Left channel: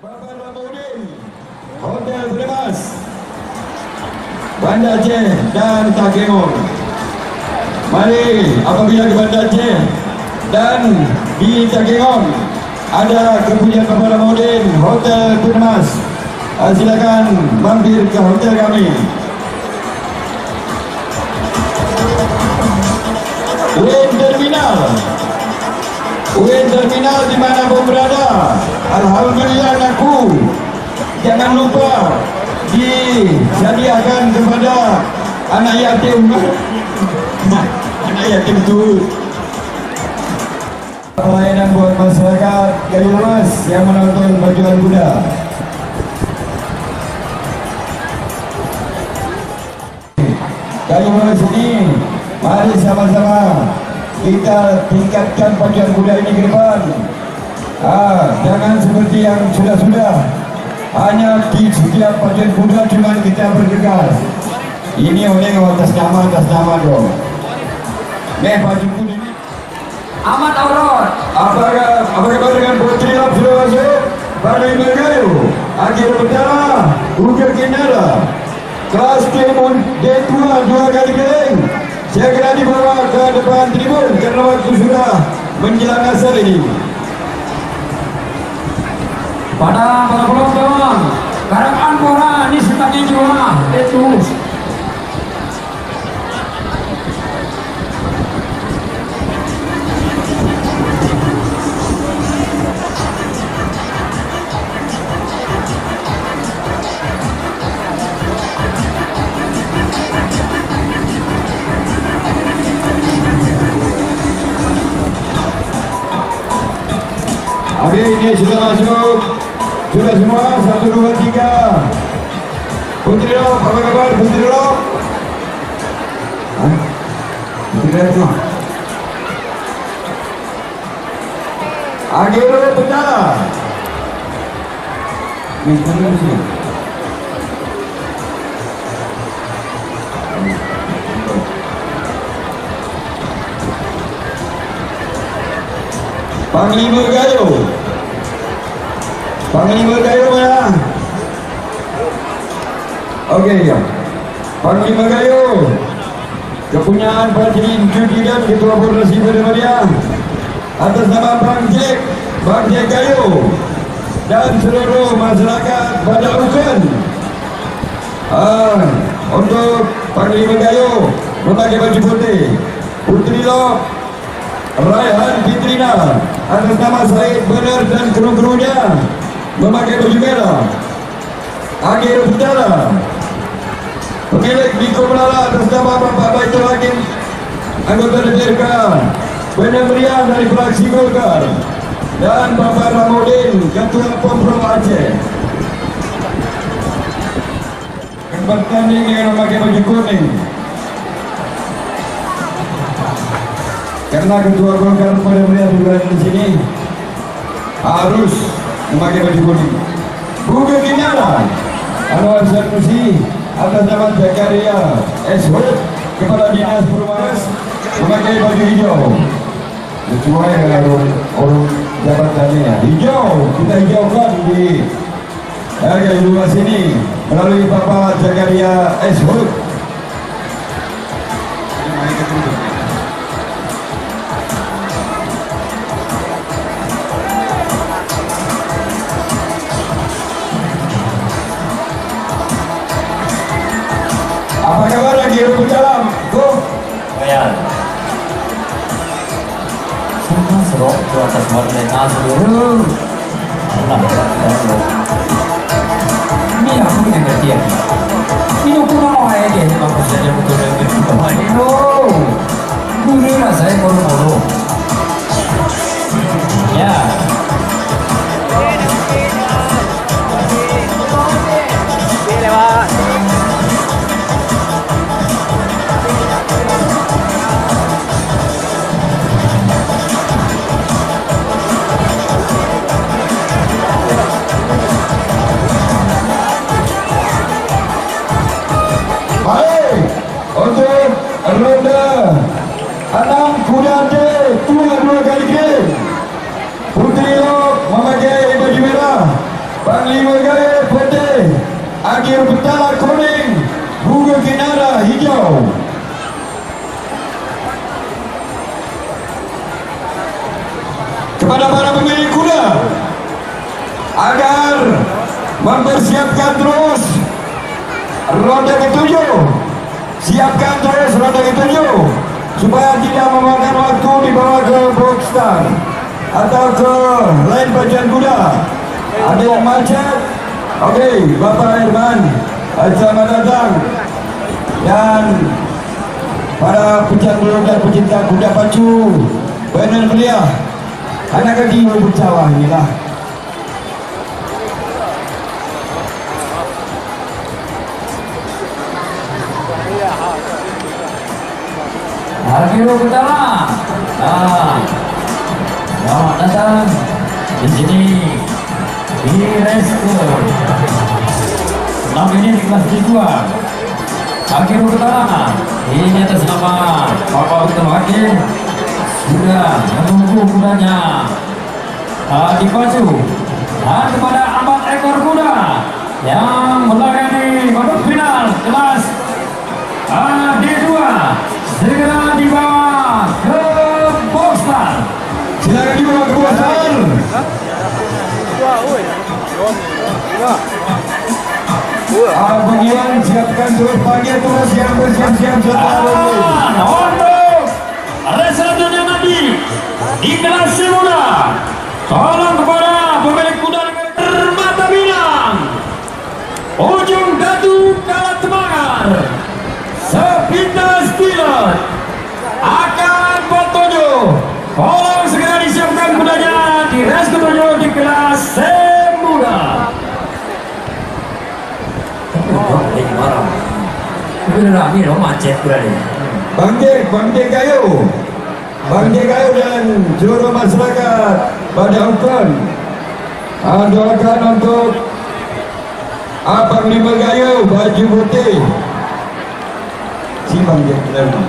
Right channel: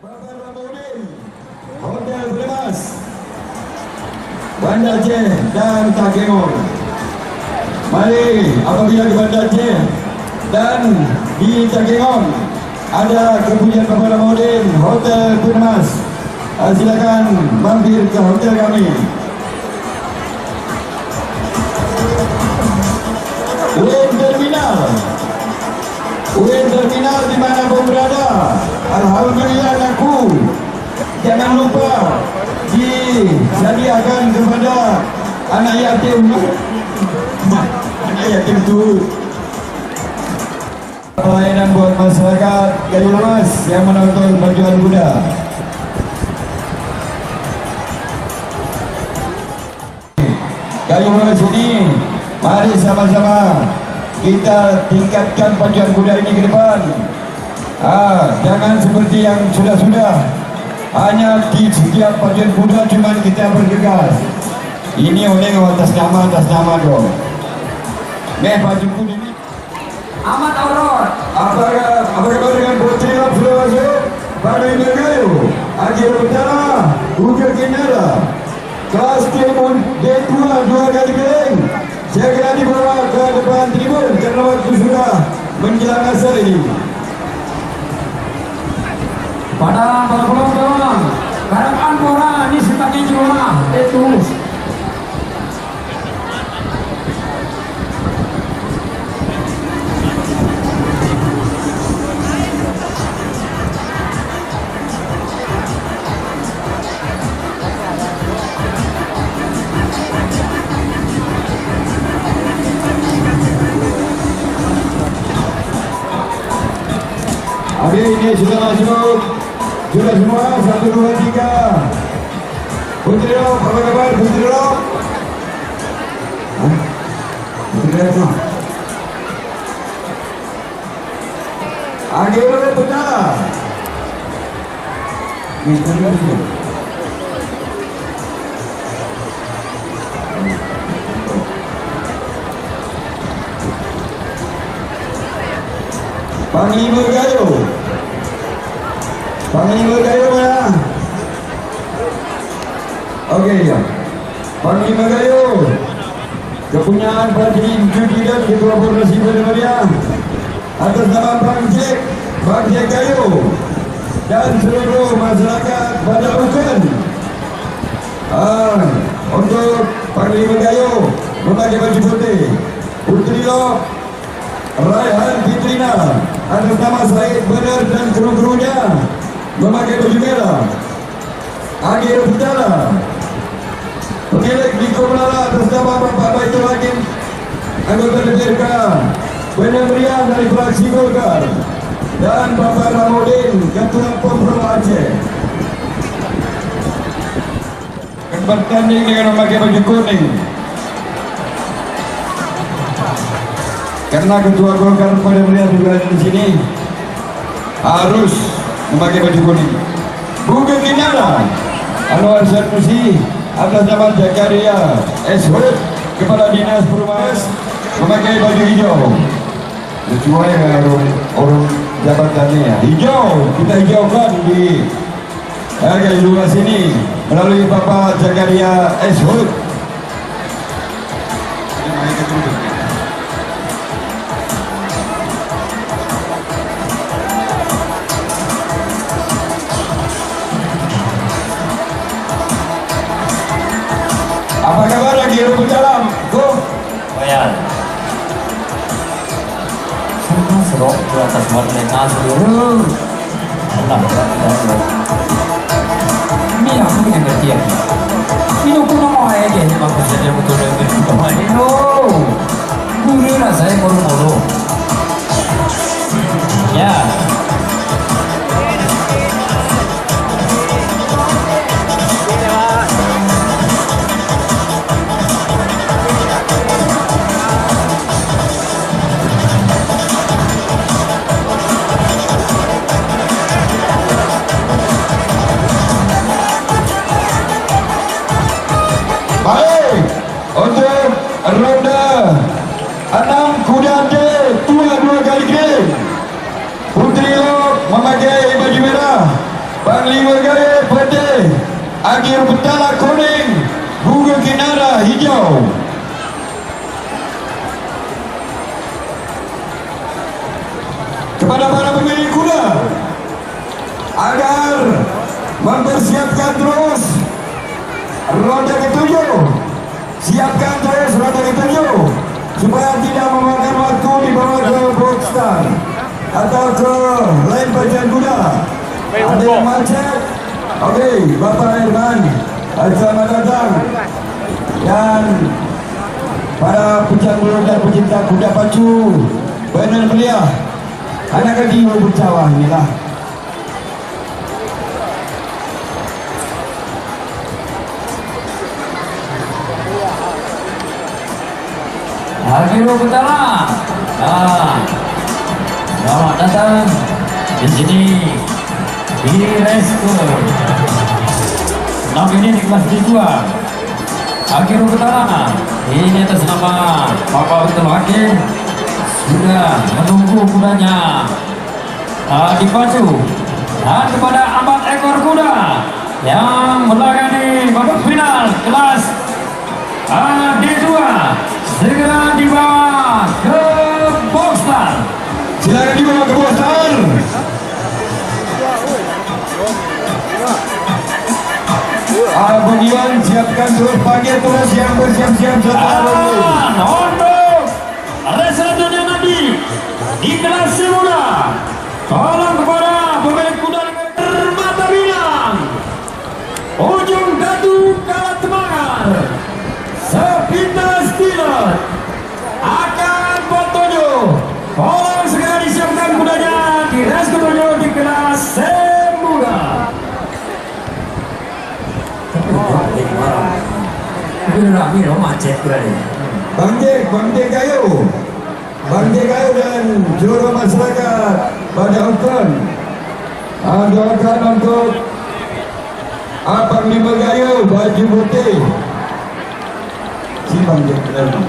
Bapak Ramudin, Hotel Primas, Banda Aceh dan Takemon. Mari apabila di Banda Aceh dan di Takemon ada kepunyaan Bapak Ramudin, Hotel Primas, silakan mampir ke hotel kami. UN Terminal di mana pun berada, alhamdulillah aku jangan lupa disediakan kepada anak yatim. Anak yatim itu pelayanan buat masyarakat Gayo Mas yang menonton Perjuangan Kuda. Gayo Mas ini, mari sama-sama kita tingkatkan Pacuan Kuda ini ke depan. Jangan seperti yang sudah-sudah, hanya di setiap Pacuan Kuda cuma kita bergegas. Ini oleh atas nama dong. Pacuan Kuda ini Ahmad Auror. apa kabar dengan Putri Lap sudah masuk? Badai Mergayu, akhir pertama, Uga Kinara, kelas Timun D2 dua kali kering. Segera dibawa ke depan tribun karena waktu sudah menjelang asar ini. Pada para penonton, garapan Bora ini sebagai juara itu. Oke, ini sudah masuk. Sudah semua, 1, 2, 3. Putri Lop, apa kabar Putri Lop? Putri Lop. Akhirnya pecah. Panglima Gayo mana? Oke ya. Panglima Gayo, kepunyaan Presiden Judidat Ketua Koordinasi Perempuan atas nama Bang Jack Gayo dan seluruh masyarakat pada Ukan. Untuk Panglima Gayo memakai baju putih, Putri Lop Raihan Fitrina atas nama Said Benar dan kru-krunya memakai baju merah. Akhir Putara, pemilik Niko Melala atas nama Bapak Baitul Hakim, anggota DPRK Benar Meriah dari fraksi Golkar, dan Bapak Ramudin, Ketua Pemprov Aceh. Bertanding dengan memakai baju kuning. Karena Ketua Golkar pada melihat juga di sini harus memakai baju kuning. Bukan Kinara, Anwar Sanusi atas nama Zakaria Eshud, Kepala Dinas Perumahan, memakai baju hijau. Sesuai dengan orang jabatannya ya. Hijau, kita hijaukan di Gayo Lumas ini melalui Bapak Zakaria Eshud. Apa kabar lagi rumput dalam? Ayan. Semua serok di atas warna seluruh. Ini aku yang ngerti ya. Ini aku mau aja deh, bagus saja betul betul kemarin. Guru lah saya baru. Ya. Baik, untuk ronde 6 kuda tua 2 kali game, Putri Akhir betala kuning, bunga kinara hijau. Kepada para pemilik kuda agar mempersiapkan terus roda ketujuh, siapkan terus roda ketujuh supaya tidak memakan waktu dibawa ke boxstand atau ke lain bagian kuda. Ada yang macet. Okey, Bapak Herman, selamat datang. Dan para pecandu dan pecinta kuda pacu, benar belia, anak kaki bercawa inilah. Akhirul pertama. Selamat datang di sini di Resko. Nama ini di kelas D2. Akhirul pertama. Ini atas nama Bapak Ketua Hakim sudah menunggu kudanya dipacu, dan kepada 4 ekor kuda yang melakani babak final kelas D2 segera dibawa ke boxstand. Silakan dibawa ke boxstand. Bagian siapkan terus panggil terus yang bersiap-siap untuk race selanjutnya nanti di kelas muda. Tolong kepada pemilik kuda Permata Minang, Ujung Datu Kalat Temangar, Sepintas Pilot akan bertuju. Tolong segera disiapkan kudanya di race ketujuh di kelas muda. Ini macet berani. Bang Jek Gayo dan seluruh masyarakat pada Ukon doakan untuk Panglima Gayo baju putih. Si Bang Jek lagi.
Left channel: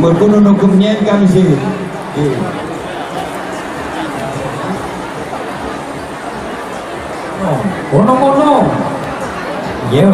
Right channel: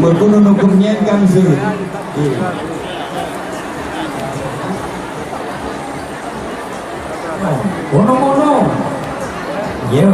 Berkunung hukumnya kan sih. Bonong. Ya.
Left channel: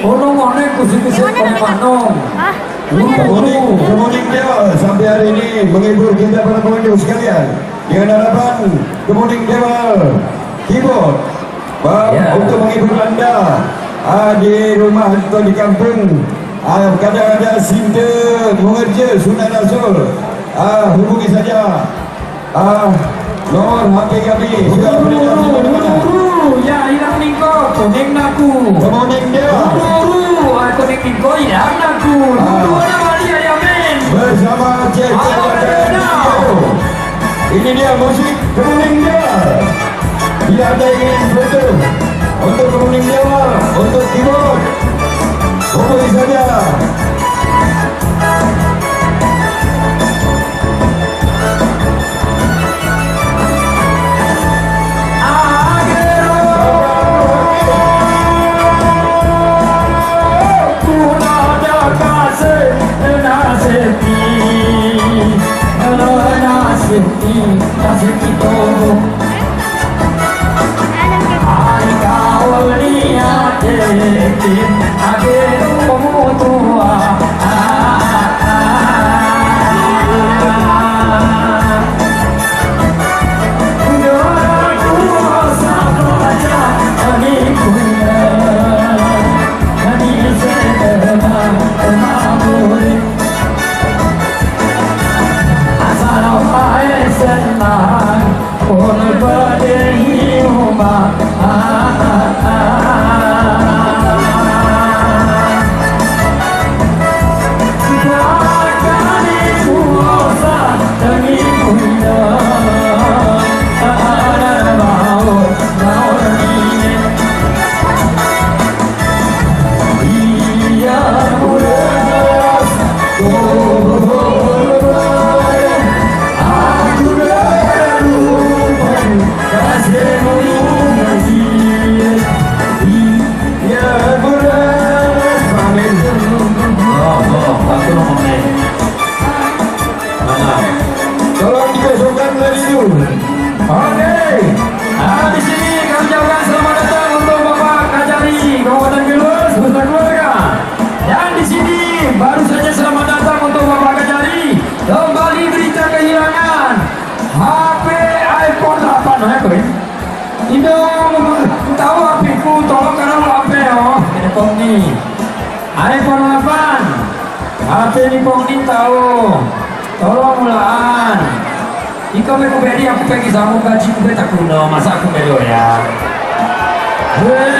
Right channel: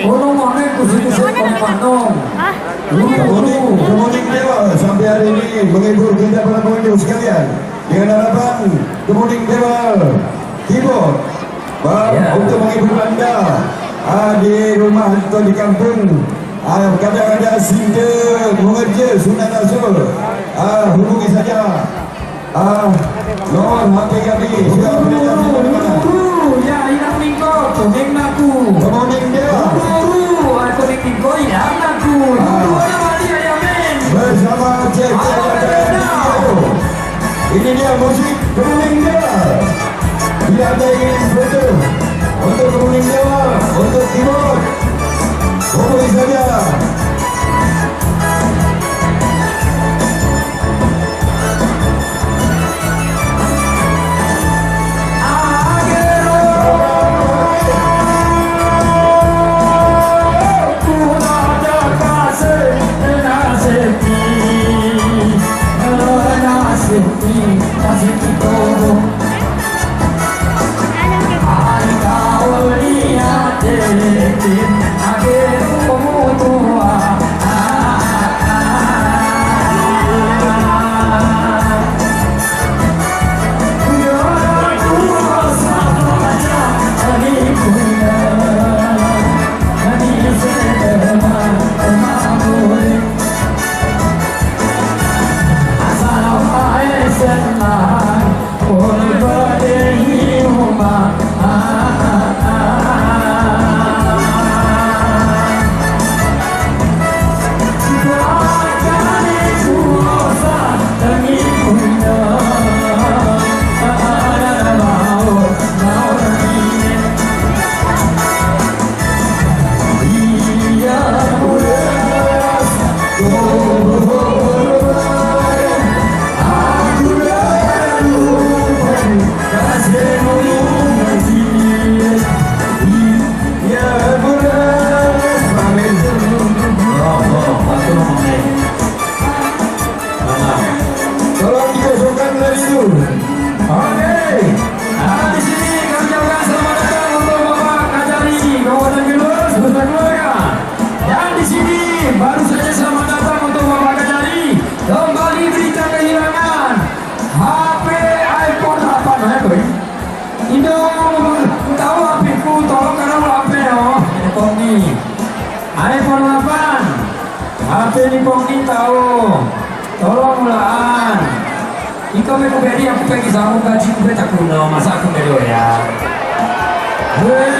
Bonong mana kusik-kusik panong. Kemudian Dewa sampai hari ini menghibur kita para pengunjung sekalian dengan harapan kemudian Dewa keyboard untuk menghibur anda di rumah atau di kampung. Kadang ada sinta mengerja Sunan Rasul, hubungi saja nomor HP kami. Ya hilang minggu, kuning naku. Kemudian Dewa kuning minggu hilang naku. bersama Cik ini dia musik kemuning Dewa. Bila anda ingin foto untuk kemuning Dewa, untuk keyboard, hubungi saja. Akhirul ni pemerintah oh. Tolonglah. Ikaw may kuberi aku pergi sama gaji ku tak kuno masa aku beli ya. Hei.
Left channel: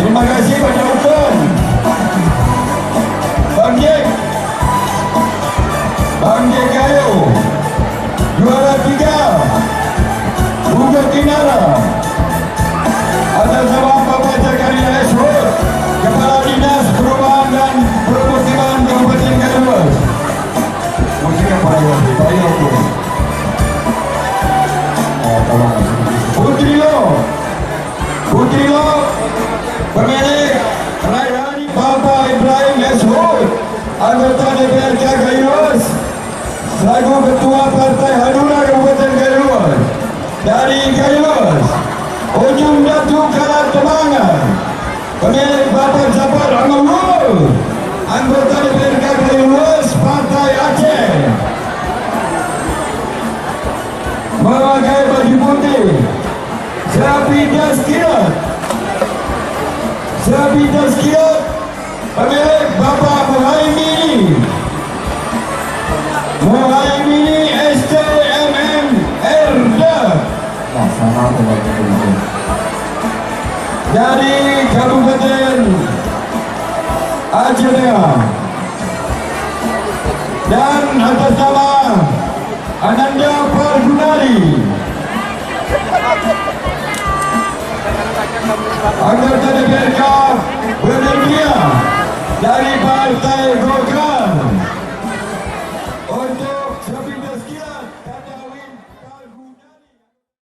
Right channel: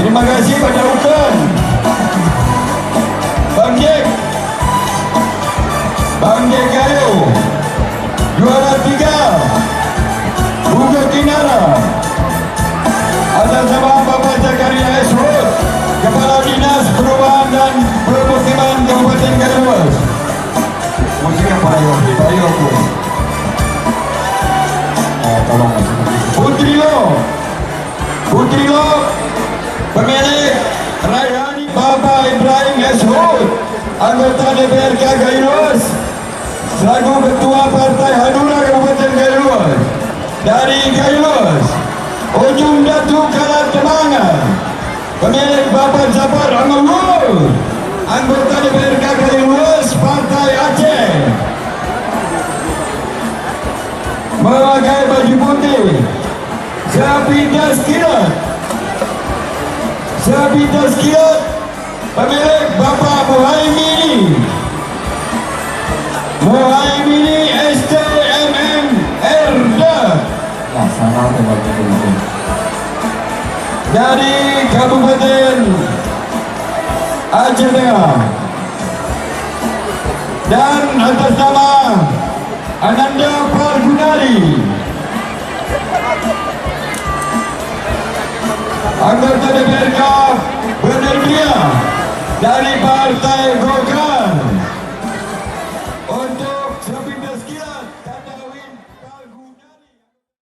Terima kasih pada Ukon, Bang Jack Gayo, juara 3 Bukit Kinara, atas nama Bapak Zakaria Esrod, Kepala Dinas Perubahan dan Permukiman Kabupaten Kaluas. Musiknya Pak Yoku. Tolong. Putri Lo, pemilik Raihani Bapak Ibrahim Esrod, anggota DPRK Kaluas, selaku Ketua Partai Hanura Kabupaten Kaluas dari Kaluas, Ujung Datu Kalat Temangan, pemilik Bapak Zafar Amawul, anggota DPRK Kaluas Partai Aceh, memakai baju putih, Sapi Tazkirat, pemilik Bapak Muhaimini STMM Erda dari Kabupaten Aceh Tengah, dan atas nama Ananda Pargunari, anggota DPRK Berdiriah dari Partai